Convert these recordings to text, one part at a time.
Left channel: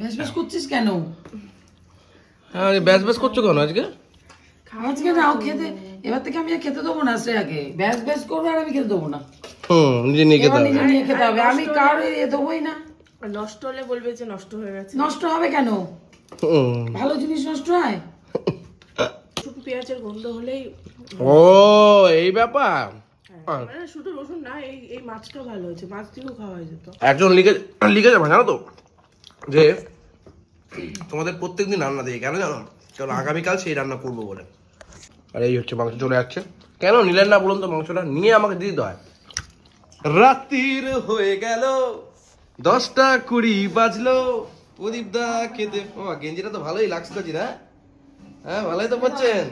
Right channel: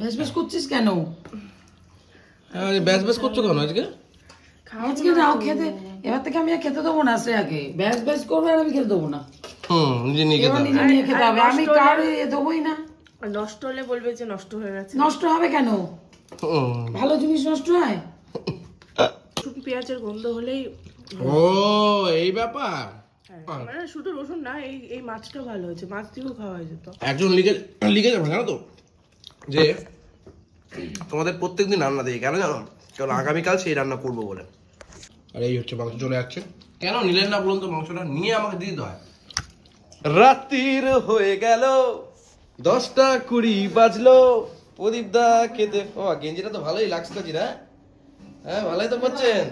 বেশ বেশ করছিস কেন? হ্যাঁ বেশ বেশ করছো কেন আজকে? আজকে নাও খেতে, এবার থেকে আমি আর খেতে দেবো না। আগে বেশ বেশ করবে আর আমি খেতে দেবো না। নিজে নিয়ে খেতে হবে। নিজে নিয়ে খেতে হবে, আমি কারো দেবোই না। নষ্ট হলে বলবে যে নষ্ট হয়ে গেছে। নষ্ট হবে কেন? ভালো জিনিস নষ্ট হয়? রসুন পেঁয়াজের গন্ধ হলেই ও এই ব্যাপার। মানে শুধু রসুন না, এই মাছটাও ভালো হয়েছে, মাছ দিয়েও খাওয়া হয়ে যেত। একজন লিখে যাবে জানো তো যে তোমাদের প্রত্যেকদিন রান্না দিয়ে কেন জানো? কারণ আগামীকাল সেই রান্না করবো বলে। আর এই হচ্ছে মাংস চলে যাচ্ছে। কেন নিলেন না বলুন তো? মাংসটা নিয়ে আমাকে দিয়ে দিতে হয়। রাত্রির হয়ে গেল 10টা 20 বাজলো। প্রদীপ দা খেতে, ও গেঞ্জিটা তো ভালোই লাগছে তো না? হ্যাঁ ভালোই তো পাচ্ছেন।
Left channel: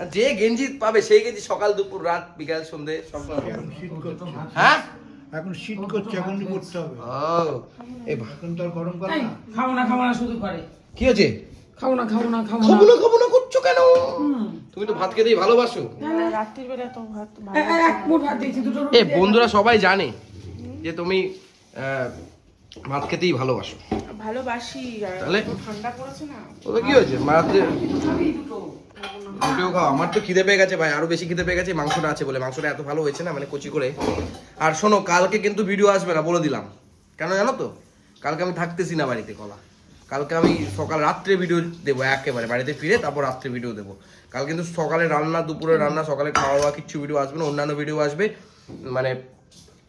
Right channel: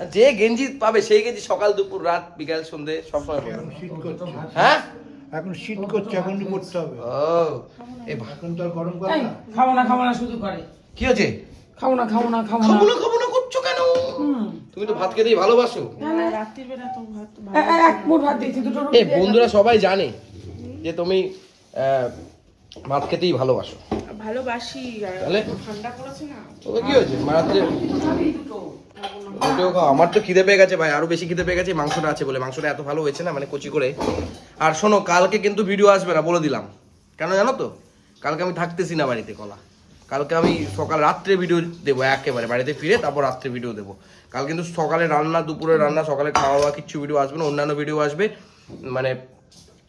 আর যে গেঞ্জি পাবে সেই গেঞ্জি সকাল দুপুর রাত বিকাল সন্ধ্যে সবসময় পাবে। হ্যাঁ এখন শীত করছে, এখন করতে হবে। ও এখন তো আর গরম করে না। খাবো না শুধু করে। কি হয়েছে? খাবো না খাবো না করছো কেন? তুমি তো ভাত খেতেই ভালোবাসো। রাত্রির বেলা তো ভাত এক মুঠ ভাত দিয়েছি, দুটো এ বন্ধুরা সবাই জানে যে তুমি ভাত খেতেই ভালোবাসো। ভালোবাসি। তাহলে ঠান্ডা পড়েছে না, ওটা কি হয়েছে? রাত্রে দুটো খাও। আমার তো খিদে পেয়ে গেছে ভাই, আরো বেশি খিদে পেয়ে গেছে। মাংসটা আছে বলে, মাংসটা এত ভালো হয়েছে না, মানে কচি করে। আর শোনো, কালকে কিন্তু ভিডিও আসবে না বলে দিলাম। কেন জানো তো? কালকে আমি থাকতেছি না বাড়িতে কলা। কালকে আমি সকাল রাত্রে ভিডিও দেবো, একেবারে বাড়িতে ফিরে তারপর রাত্রে ভিডিও দেবো। কাল কিন্তু সকালে রান্না, দুপুরে রান্না, সকালে খাওয়া দাওয়া কিচ্ছু ভিডিও আসবে না। অন্যান্য ভিডিও আসবে, মানে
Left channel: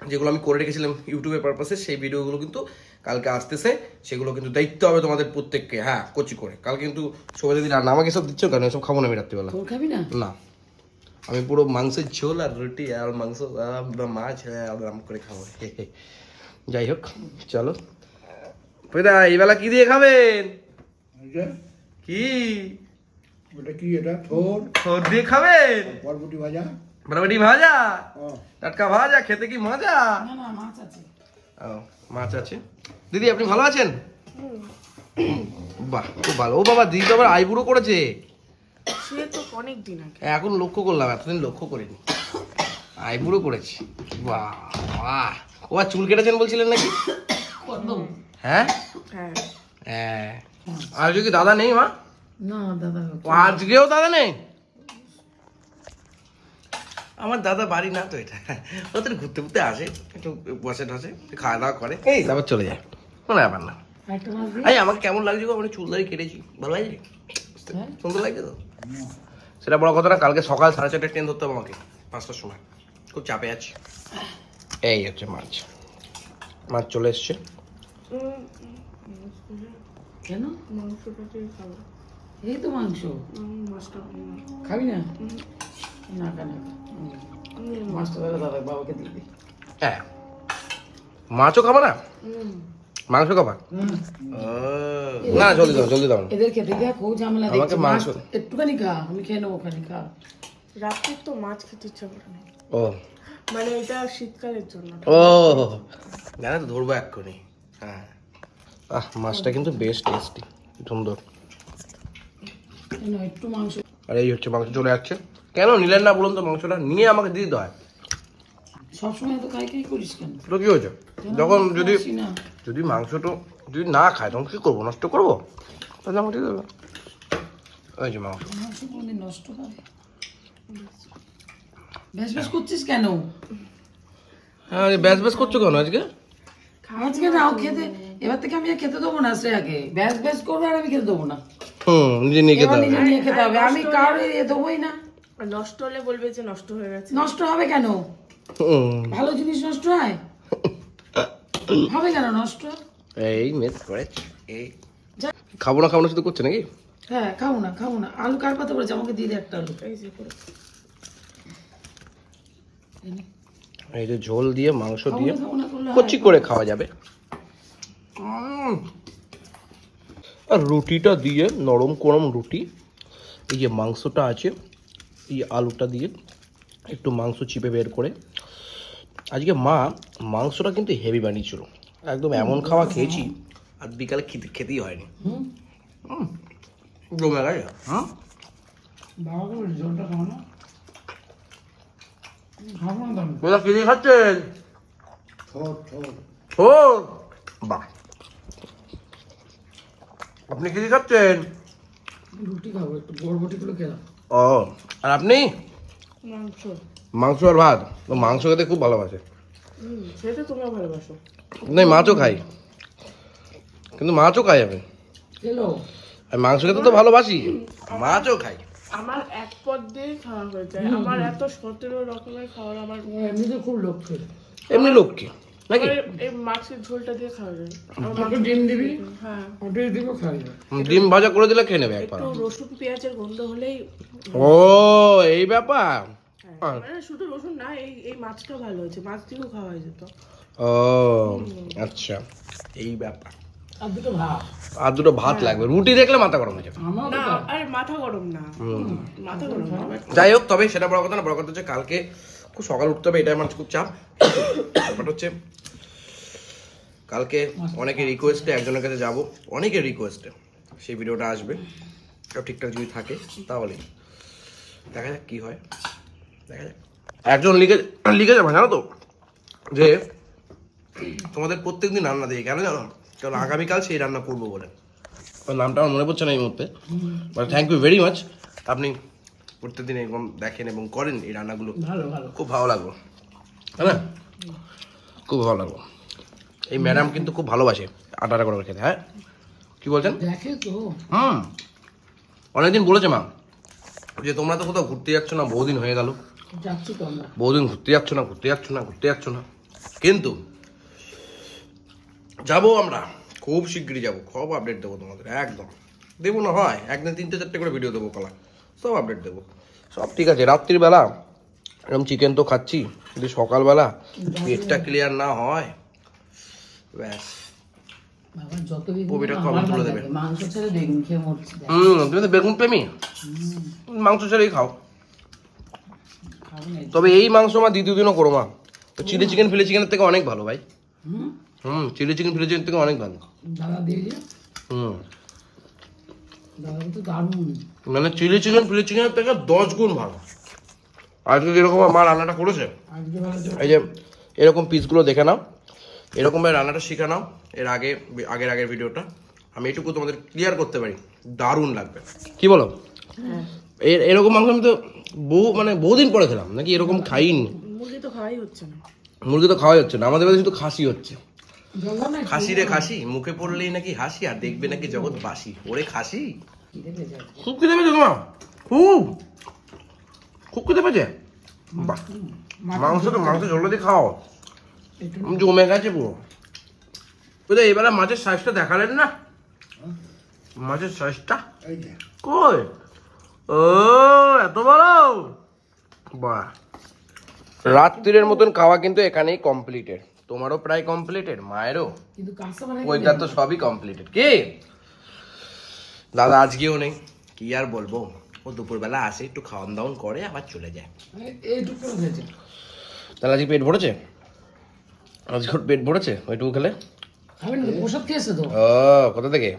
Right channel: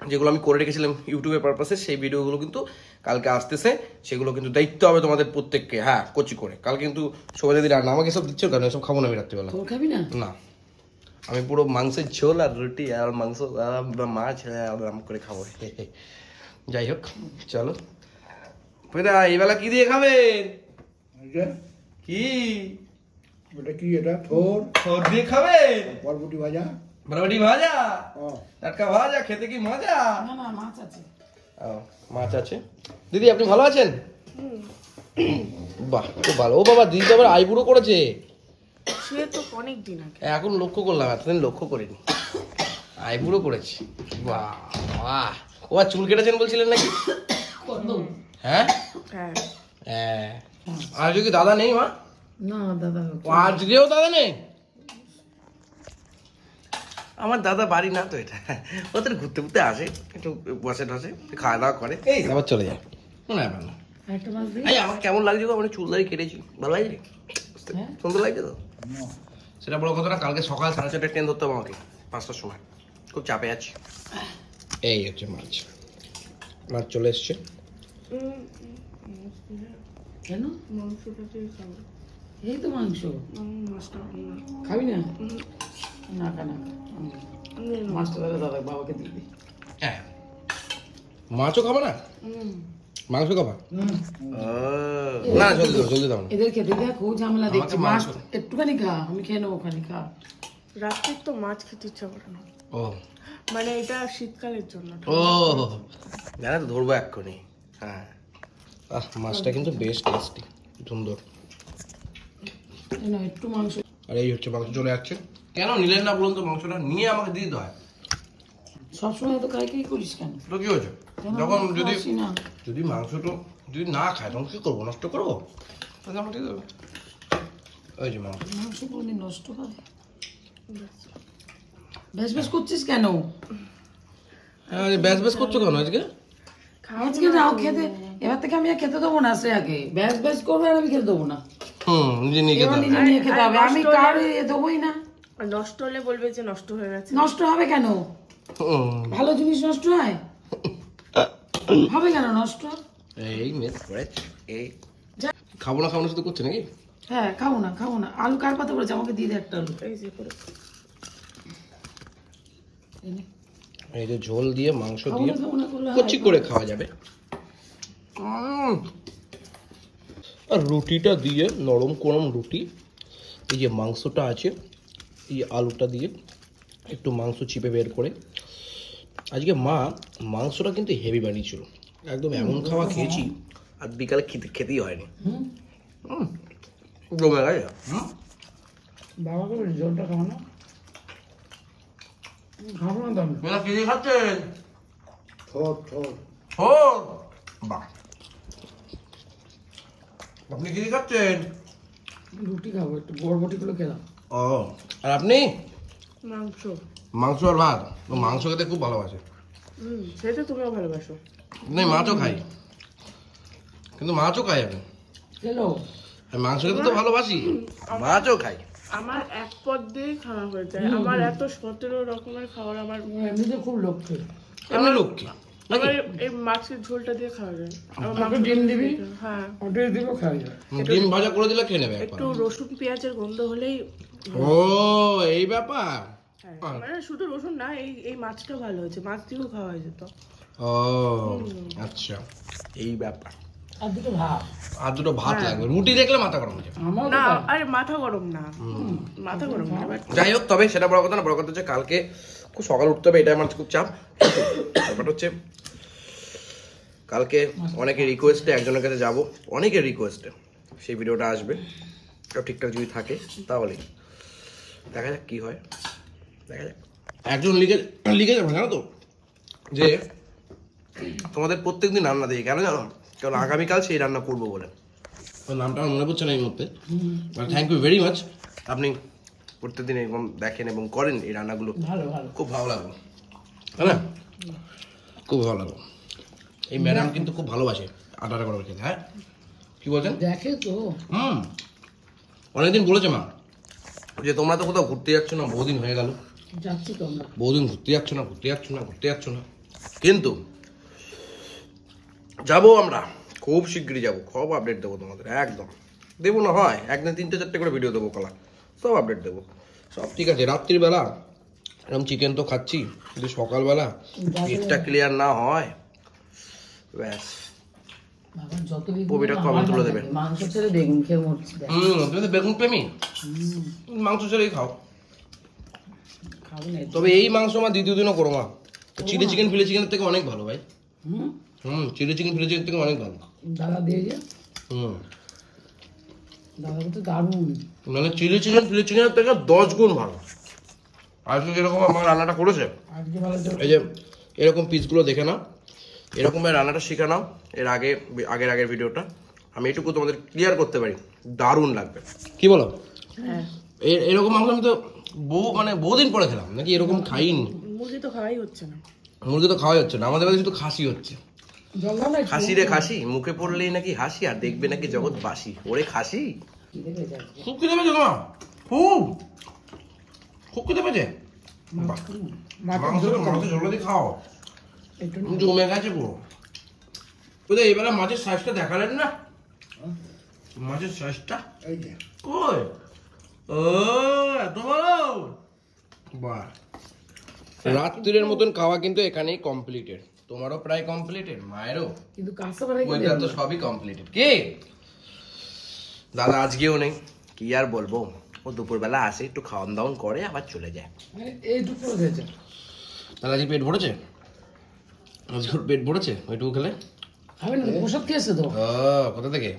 যেগুলো আমি করে রেখেছিলাম ইউটিউবের পারপাসে, সেই ভিডিওগুলো কিন্তু কালকে আসতেছে। সেগুলো কিন্তু দায়িত্ব হবে তোমাদের প্রত্যেককে। হ্যাঁ, কচি করে। কাল কিন্তু সবাই যদি রান্না, আমাকে সব দিচ্ছ কেন? সব খাবো না আমি রাত্রিবেলা। খাবি না? না, আমি পুরো মাংসের ঝোল আর রুটি আর মাংস মাছ আরাম করে খাবো। যাই হোক, চলো। এই বেলা কি দিয়ে খাবেন? কি ওটা কি? এটা থোর থোর দিয়ে খাবেন? বরবটি ভাজা, বরবটি ভাজা, টাটকা ভাজা, খেতে কি মজা। না না, মাছ আছে। ও মাছ আছে। দিদি আপনি ভালো আছেন? বাহ, খুব ভালো। ও বাবা, দিদি তো আবার আইবুড়ো করেছে। সে তো অনেক দিন আগে। এখন লক্ষ্য করলাম, এতদিন লক্ষ্য করিনি। আইবুড়ো করেছে। বাহ বাহ। ও আর চুল কেটেছেন বলছিলেন নাকি? হ্যাঁ হ্যাঁ। আর কি দাদা নেই মা? না দাদা, আজকেও দাদা নেই। আমার দাদা বাড়ি না তো এটা, ওদের ঘুরতে ঘুরতে আসে, একটু বসে টসে, খাওয়া দাওয়া করে, এই তারপর চলে যায়। কোনো ব্যাপার না। এই আমাকে কেমন লাগছে গো? মানে চুল দাড়ি কেটেছি, ভালো লাগছে? সুন্দর লাগছে তো? সেটা বড় কথা না। কালকে সকাল 4:30 ট্রেন ধরতে হবে আমাকে, 5টার সময়। খুব চাপে আছি। এই হচ্ছে মাছ, মাছ চলে এসছে। কেন? মাংসটা দিয়ে খাবো। এই তো মাংস। মাছটা খাবি না? না কেন? মাছটা দাদা বাবাকে দিয়ে দিই। হ্যাঁ, মাছও খাবো না, মাংস খাবা? না জলদি দাও। এদের খেতে গিয়ে খুব ঝামেলা দেখছি। মাছ একটুখানি খা, আমি খেয়ে নেবো। ওখানে খা। রাত্রে তো মাছ খেতে ইচ্ছা করে না। ও মানে এটা শীতকালের জন্য। ও জানা তো, ধরবো এক্ষুনি। হ্যাঁ, মাছটা কিন্তু বেশ টেস্টি, সুন্দর। একটু মাংস। আর এই হচ্ছে মাংস চলে যাচ্ছে। কেন নিলেন না বলুন তো? মাংসটা নিয়ে আমাকে দিয়ে দিতে হয়। সবসময় তো খাই করিস কেন? তো কি হয়েছে? যখন যদি মাংসটা যদি না খায় তখন কি করবো? নষ্ট করবো? তাহলে আমাকে দিয়ে দেবে। ওই যে মাংস কোনদিন নষ্ট হয়? বেশ বেশ করছিস কেন? হ্যাঁ বেশ বেশ করছো কেন আজকে? আজকে নাও খেতে, এবার থেকে আমি আর খেতে দেবো না। আগে বেশ বেশ করবে আর আমি খেতে দেবো না। নিজে নিয়ে খেতে হবে। নিজে নিয়ে খেতে হবে, আমি কারো দেবোই না। নষ্ট হলে বলবে যে নষ্ট হয়ে গেছে। নষ্ট হবে কেন? ভালো জিনিস নষ্ট হয়? হবে কেন নষ্ট? এই মিস করে এই খাবো না শুধু করছে নাকি? হ্যাঁ, খাবো না। আলু কার পাতা বলেছে? আমাকে দিয়ে দে একটা আলু। এই যে ঝোল দিয়ে মাংস দিয়ে কচি করে খাওয়া যাবে। আর রুটিটা দিয়ে, নরম করম রুটি, এই যে মাংসটা আছে, এই আলুটা দিয়ে একটু মাংস চিপে বের করে। আজকে মা মাংসটা কিন্তু হেভি বানিয়েছিল, একদম এমন খাওয়া খেয়েছি আর বিকালে খেতেই হয়নি। জমে গেছে। জলটা খাবো না, খাবো না। কি দিয়ে খাচ্ছেন? থোর ও বাহ, আপনি কি খাচ্ছেন? রুটি খাবো, একটু বরবটিগুলো খেলাম। ও, আর আপনি? মাংস। মাংস আর ভাত। ও মাংস খেতে খুব ভালোবাসে। সেটা তুমিও ভালোবাসো। না, মাছও খাই, কিন্তু মাছও খাই আমি। খেলো। আমি মাংস খেতে তো ভালোবাসি, মাছও খাই। আমার এক পদ দিয়ে খাওয়া হয়ে যায়। আমার এত 17 রকমের খাবার আমার এমনিতে খুব লক্ষ্য। এমনি লক্ষ্মী নাকি? আমার এই মাছের ঝোলটা দিয়ে খাওয়া যায়। আমার একটু ডিম দিবি, হ্যাঁ, ওটাই দিব, খাই যায়। ডিম ভাজা করে দিলে খেয়ে নেবে একবার। একটু রসুন পেঁয়াজের গন্ধ হলেই ও, এই ব্যাপার। মানে শুধু রসুন না, এই মাছটা ভালো হয়েছে, মাছ দিয়েও খাওয়া হয়ে যেত। ও আচ্ছা, এই ব্যাপার। আর দুটো ভাত। আর দুটো ভাত লাগবে, রুটি দেখলে মাথা গরম হয়ে যাবে। আমার না, আরে মাথা গরম না, মাথা গরম না। যাই হোক, তবে সেটা বড় কথা না। বড় কথা হচ্ছে কালকে খুব সকাল উঠতে হবে, এটা আমার খুব চাপ। ব্যাপারটা হচ্ছে কালকে অনেকের রিকোয়েস্টে একজনের কাছে যাব, অনেকের রিকোয়েস্টে সেই ভিডিওটা আসবে। সব ঠিকঠাক যদি থাকে তাহলে দেখা যাক কি হয়, দেখা যাক। একজন লিখে যাবে, জানো তো, যে তোমাদের প্রত্যেকদিন রান্না দেখি, কেন জানো? কারণ আগামীকাল সেই রান্না করবো বলে। নামটা আমার মনে পড়ছে না এই মুহূর্তে, but thank you very much. আপনি প্রত্যেকদিন এরকম দেখেন এবং করেন এই রান্নাগুলো, ভালো ভালো। খুব ভালো লাগলো, তাই না? খুব ভালো লাগলো। এই ম্যাডাম কিন্তু খুব ভালোবাসে আটা করে খেতে। হ্যাঁ, কি বলছেন? দেখে তো। অনেকদিন বলেছে মা যে তোমরা তো কোথাও ঘুরতে যাচ্ছ না, বহুদিন হয়ে গেল, যাচ্ছি তো আমরা। বহুদিন ঘুরতে যাচ্ছ না, ঘুরতে যাচ্ছ না, ঘুরতে যাচ্ছ না। কিন্তু যাবো আমরা, খুব শিগগিরই যাবো, সব আপডেট দেবো তোমাদের, একদম দেবো না হয় একদিন 3-4টে করে ভিডিও দেবো, কলা সব আপডেট দেবো, সব ঠিক আছে। রাত্রির বেলা এরকম চিকেন তো খাচ্ছি, কিন্তু সকালবেলা পেটটা ক্লিয়ার না হয়, ব্যাস বাবা যতদিন কবিটা কবে তুলে দেবে। মাংস ছেড়ে বেগুন খেয়ে মরছি। তুমি তো বেগুন প্রেমী, মাংস ছেড়েই খাও। খাবো না। তবে এই মাংস মা দ্বিতীয় দিনও করো মা, চিলি চিকেন ফিলি চিকেনের থেকে অনেক ভালো ভাই। চিলি চিকেন ফিলি চিকেন থেকে অনেক ভালো। দাদা দিয়ে যে, দাদা তো দারুণ। মানে চিলি চিকেন ফিলি চিকেনের থেকে 10 গুণ ভালো। আজকে যেরকম আমার রান্নাটা করেছে, আজকে ভালো তো। এই যে এরকম পিসগুলো দেখে নাও, এরকম ভাবে রান্নাটা শিখে নাও। এর আগের ভিডিওটা আমি এটুকু তোমাদের ক্লিয়ার করতে পারি, দারুণ লাগবে। কি বলো? এরকম মাংস আমি তো বহুদিন পরে খেলাম, নাকি এরকম খাইনি। মুরগি তো খাওয়াই হচ্ছে না। মুরগি তো খাওয়াই হচ্ছে না, আমাদের কাছে শুধু খাসি হচ্ছে। জঙ্গলে খাসি রে খাসি, মুখে পড়লেই নাকি হাসি, আর দেখবে নাকি জগৎ বাসি। ওরে খাসি, খুব খেতে পেয়েছে তোমার, খুব খেতে পেয়েছে। মাংস ঝোল দিয়ে খাও, জমে গেছে পুরো। বুঝলে এবারে মাছের সাইজটা দেখালেন না, মাছের সাইজটা এই যে কই? ও এত বড়, বাহ। রাত্রির মতন খাওয়া কিন্তু এখানেই কমপ্লিটেড, তোমারও প্রায় কমপ্লিটেড, মায়েরও, কিন্তু কাঁচা ওইটার তো সবই কমপ্লিটেড। কি দাদা আজকেও নেই, কি আর বলবো, ও দুপুরবেলা আসে, একটু খাওয়ান দাওয়ান করে আবার চলে যায়। এইটুকু হয়েছে। তাহলে আজকে পেট ভরেছে, আজকে ওর পেট ভরেছে ওইটুকু খেলে। আমি ওষুধ খেয়েছে তো। ও কোথা থেকে?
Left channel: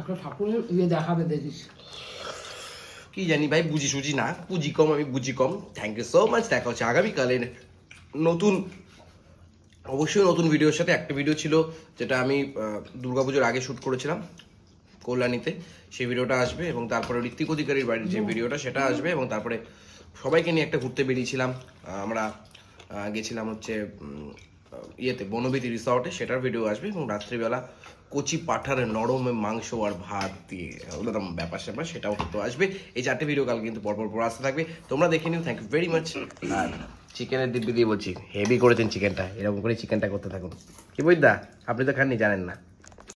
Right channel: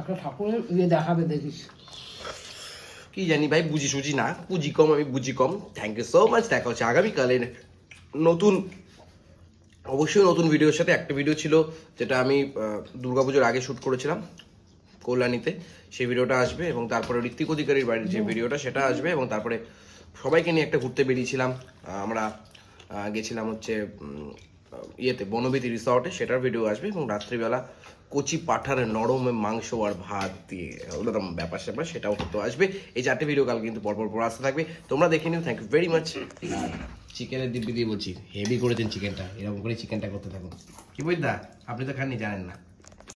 একটা ঠাকুরের ইয়ে দেখাবে, দেখিস। কি জানি ভাই, বুঝি সুঝি না, বুঝি কম, আমি বুঝি কম। থ্যাংক ইউ সো মাচ, দেখা হচ্ছে আগামীকালে নতুন, অবশ্যই নতুন ভিডিওর সাথে। একটা ভিডিও ছিল যেটা আমি দুর্গাপুজোর আগে শ্যুট করেছিলাম কল্যাণীতে, সেই ভিডিওটা আসবে, এবং তারপরে ঋত্বিক অধিকারীর বাড়ির যে ভিডিওটা সেটা আসবে, এবং তারপরে সবাইকে নিয়ে একটা ঘুরতে বেরিয়েছিলাম আমরা, গেছিলাম হচ্ছে ইয়েতে বনবিতি রিসর্টে, সেটার ভিডিও আসবে, এবং রাত্রিবেলা কচি পাঠার নরম মাংস আর ভাত দিয়ে ওরকম ব্যাপার স্যাপার, সেটাও তো আসবে। এই 4টে ভিডিও কাল কিন্তু পরপর আসতে থাকবে, তোমরা দেখে নিও। Thank you very much. আর চিকেনের দিব্যি দিয়ে বলছি, হেভি করেছেন চিকেনটা, এরকম করে চিকেনটা করতে থাকুন। কি বুঝদা, আপনি তো খাননি, জানেন না।